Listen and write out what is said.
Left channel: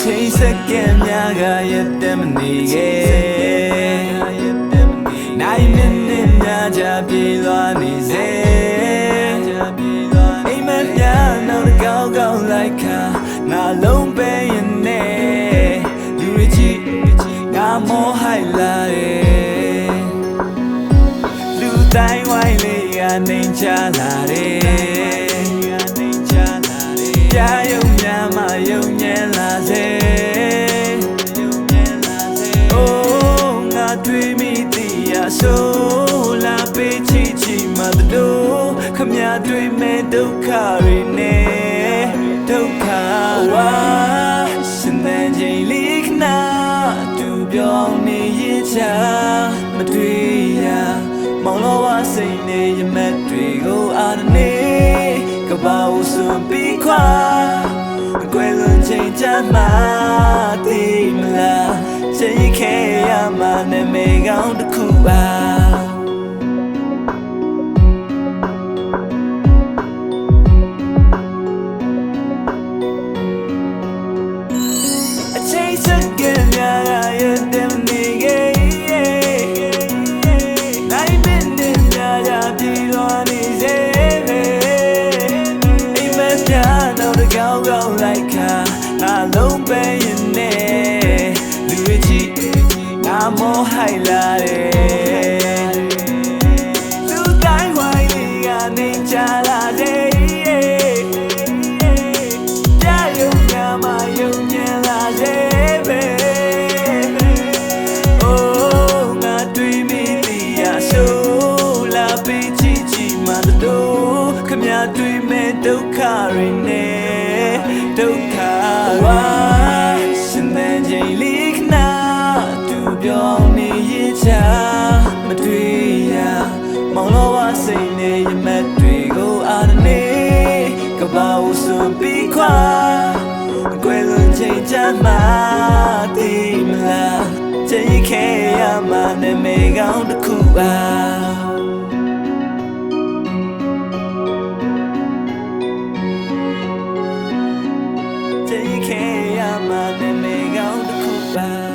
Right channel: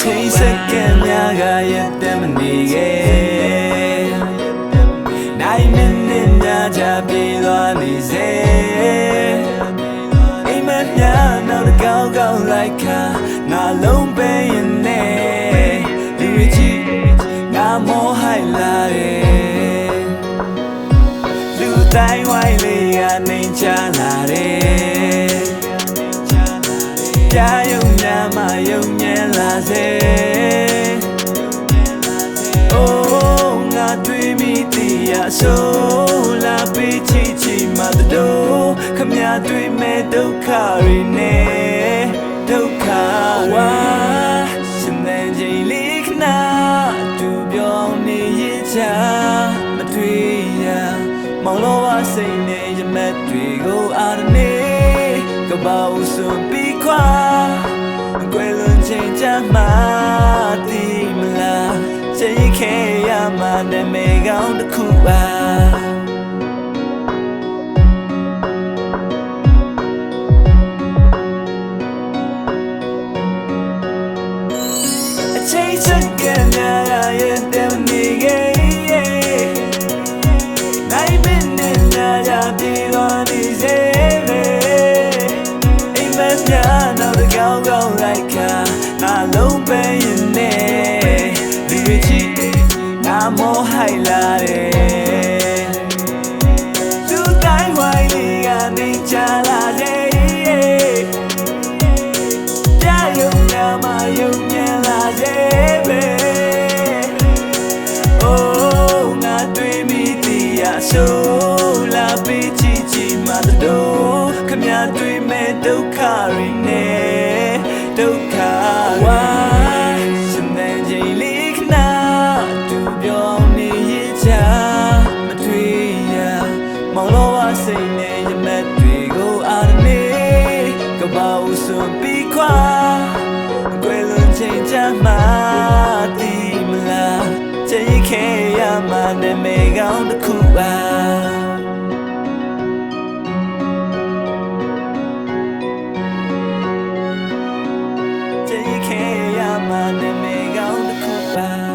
ချိန်စက္ကန့်များကရက်တမ်းမနေခဲ့နိုင်မိနစ်များကြပြေးသွားနေစေအိမ်မက်များနောက်တစ်ကောင်းကောင်းလိုက်ခါငါလုံးပဲရင်နဲ့လူရကြီးငါမောဟိုက်လာတယ်လူတိုင်းဝိုင်းလေးကနေချလာတယ်ကြာယုံများမှယုံညံလာစေအိုးငါတွေ့မိသည်ရဆိုလာပေးချီချီမှတို့ခမတွေ့မဲ့ဒုက္ခတွေနဲ့ဒုက္ခဝါရှင်သန်ချိန်လေးခဏတူပြောင်းနေရချမတွေ့ရမောင်လောဝစိတ်နဲ့ရမက်တွေကိုအားနေကဘာဦးစွန်ပြီးခွာကွယ်လွန်ချိန်ကြမှာသိမလားချိန်ခဲရမှာနာမည်ကောင်းတစ်ခုပါအချိန်စက္ကန့်များရဲ့တည်းနေခဲ့နိုင်မိနစ်များရပြေးသွားနေစေနောက်တစ်ကောင်းကောင်းလိုက်ခါငါလုံးပဲရင်နဲ့လူရကြီးငါမောဟိုက်လာတယ်လူတိုင်းဝိုင်းလေးကနေချလာတယ်ပြယုံများမှယုံညံလာစေပဲအိုးငါတွေ့မိသည်ရဆိုလာပေးချီချီမှတို့ခမတွေ့မဲ့ဒုက္ခတွေနဲ့ဒုက္ခဝါရှင်သန်ချိန်လေးခဏတူပြောင်းနေရချမတွေ့ရမောင်လောဝစိတ်နဲ့ရမက်တွေကိုအားနေကဘာဦးစွန်ပြီးခွာကွယ်လွန်ချိန်ကြမှာသိမလားချိန်ခဲရမှာနာမည်ကောင်းတစ်ခုပါချိန်ခဲရမှာနာမည်ကောင်းတစ်ခုပါ